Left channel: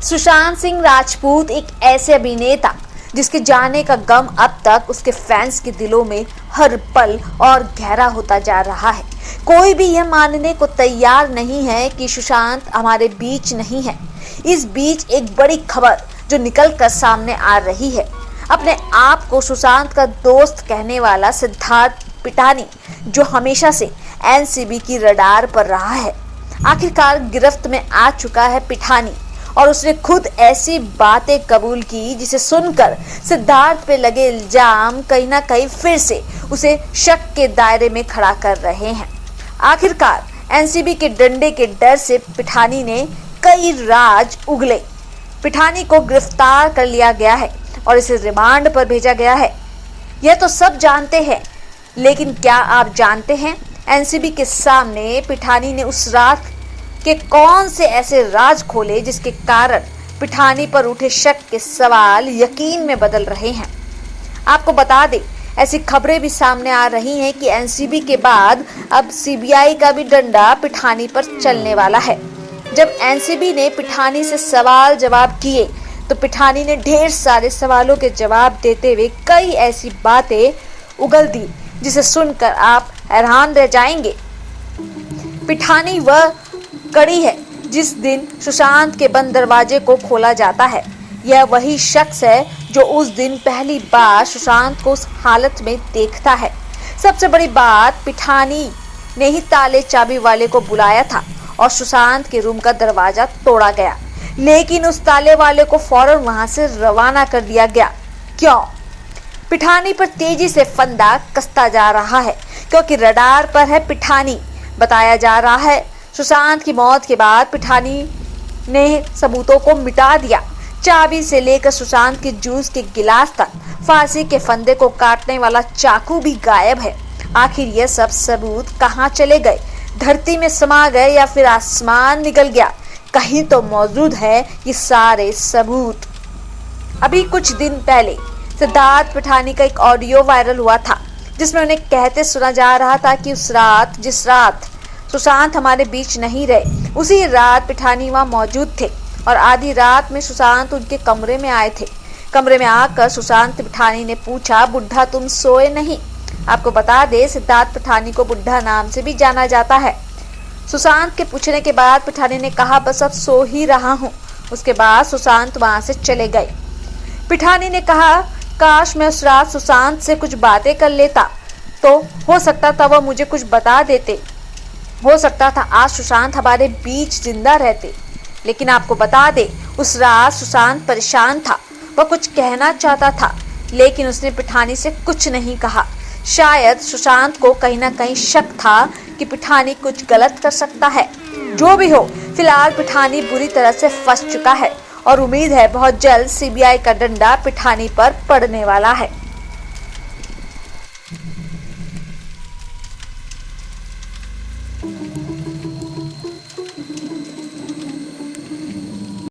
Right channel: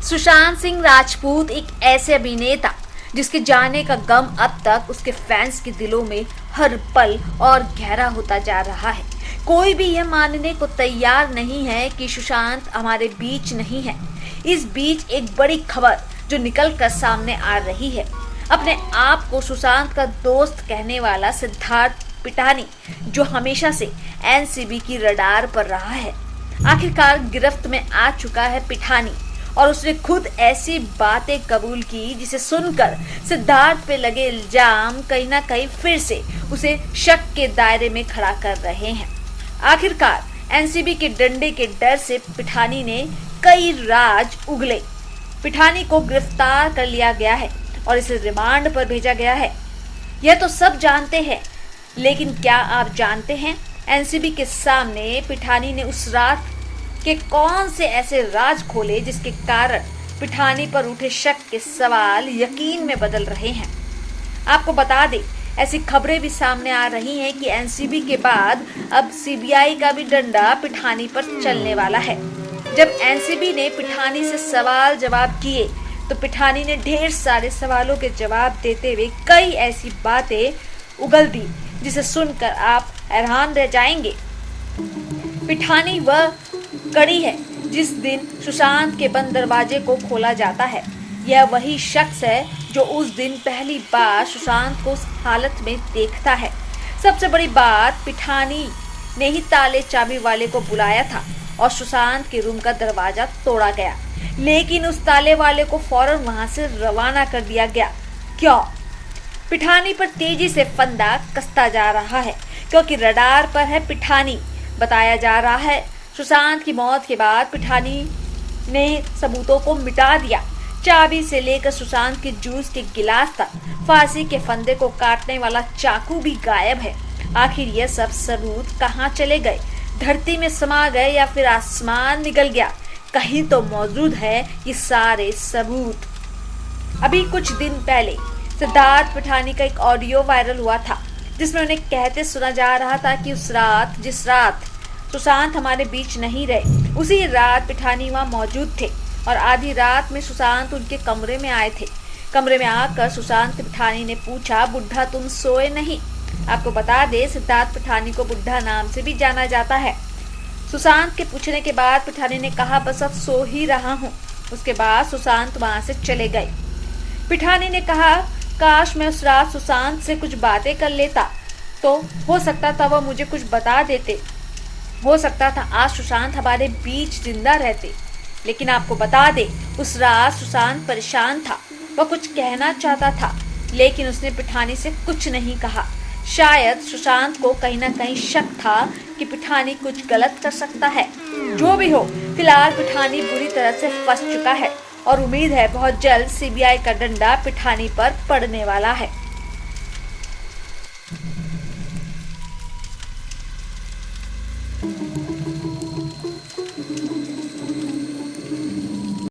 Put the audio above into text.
सुशांत सिंह राजपूत एक ऐसे अभिनेता जिसके जाने का गम अब तक उसके फैंस के दिलों में हर पल और गहरा होता जा रहा है। कोई भी यह मानने को तैयार नहीं है कि सुशांत हमारे बीच नहीं है। इस बीच एक बड़ी खबर जो निकल कर सामने आ रही है। अपने आप को सुशांत का दोस्त कहने वाला सिद्धार्थ पिटानी, जो हमेशा से एनसीबी की रडार पर रहा है, आखिरकार गिरफ्त में आ चुका है पिठानी। और उसने खुद ऐसी बातें कबूल की जिसे सुनकर सिद्धार्थ पे लगे इल्जाम कहीं ना कहीं फिर से उसे शक के दायरे में खड़ा कर रहे हैं। आखिरकार एनसीबी के डंडे के डर से पिठानी ने कई राज उगले। पिठानी को गिरफ्तार कर लिया गया है और इसे रिमांड पर भेजा गया है। यह तो सब जानते हैं, लेकिन क्या आप जानते हैं एनसीबी के सामने पिठानी ने उस रात के कौन से ऐसे राज खोले जिसके कारण पिठानी पर उठे शक के सवाल यकीन में बदल रहे हैं। आपको बता दें, ऐसी खबरें भी सामने आ रही हैं कि एनसीबी के बाद अब सीबीआई का भी डंडा पिठानी पर चलने वाला है। जब एनसीबी ने पिठानी से सवाल जवाब किए तो पिठानी ने ढेर सारे सवालों के जवाब देते हुए कई ऐसी बातें उगल दी जिसे सुनकर आप हैरान रह जाएंगे। पिठानी वह कड़ी है जिस दिन सुशांत के बंद दरवाजे को खोला जाता है। यह वही शख्स है जो उस दिन पहली बार सुशांत को उस हालत में देखता है। सबसे बड़ी बात, पिठानी ने ही ताले चाबी वाले को बुलाया था और सुशांत के रूम का दरवाजा तोड़ा गया, लेकिन उस ताले वाले को फौरन वहां से रवाना कर दिया गया। क्यों? पिठानी पर तेजी से फंदा कसता जा रहा है क्योंकि रडार पर है पिठानी। बताया जा रहा है सुशांत की मौत के बाद पिठानी ने सबूतों को मिटा दिया। चाबी से लेकर सुशांत के जूस के गिलास तक, फांसी के फंदे को काटने वाला चाकू भी गायब है। आखिर यह सब सबूत कहाँ चले गए? धरती में समा गए या फिर आसमान निकल गया? कहीं तो मौजूद है ये सारे सबूत। अभी कुछ दिन पहले सिद्धार्थ पिठानी का एक ऑडियो वायरल हुआ था जिसमें उन्हें कहते सुना जा रहा था कि उस रात, जिस रात सुशांत हमारे बीच नहीं रहे, उसी रात पिठानी वहां मौजूद थे और आधी रात में सुशांत उनके कमरे में आए थे। कमरे में आकर सुशांत पिठानी ने पूछा, बुढ़ा तुम सोए नहीं? आपको बता दे, सिद्धार्थ पिठानी को बुढ़ा नाम से भी जाना जाता है। सुशांत के पूछने के बाद पिठानी ने कहा, बस अब सो ही रहा हूँ। उसके बाद सुशांत वहां से चले गए। पिठानी ने कहा, काश मैं उस रात सुशांत से कुछ बातें कर लेता तो हो सकता था वह मुझे कुछ बता देते। हो सकता था आज सुशांत हमारे बीच जिंदा रहते। लेकिन आपको बता दे, उस रात सुशांत परेशान था। वह कुछ कहना चाहता था लेकिन उसने पिठानी से कुछ नहीं कहा। शायद सुशांत को कहीं ना कहीं शक था कि पिठानी कुछ गलत कर सकता है। जो भी हो, फिलहाल पिठानी बुरी तरह से फंस चुका है और उम्मीद है बहुत जल्द सीबीआई का डंडा पिठानी पर पड़ने वाला है।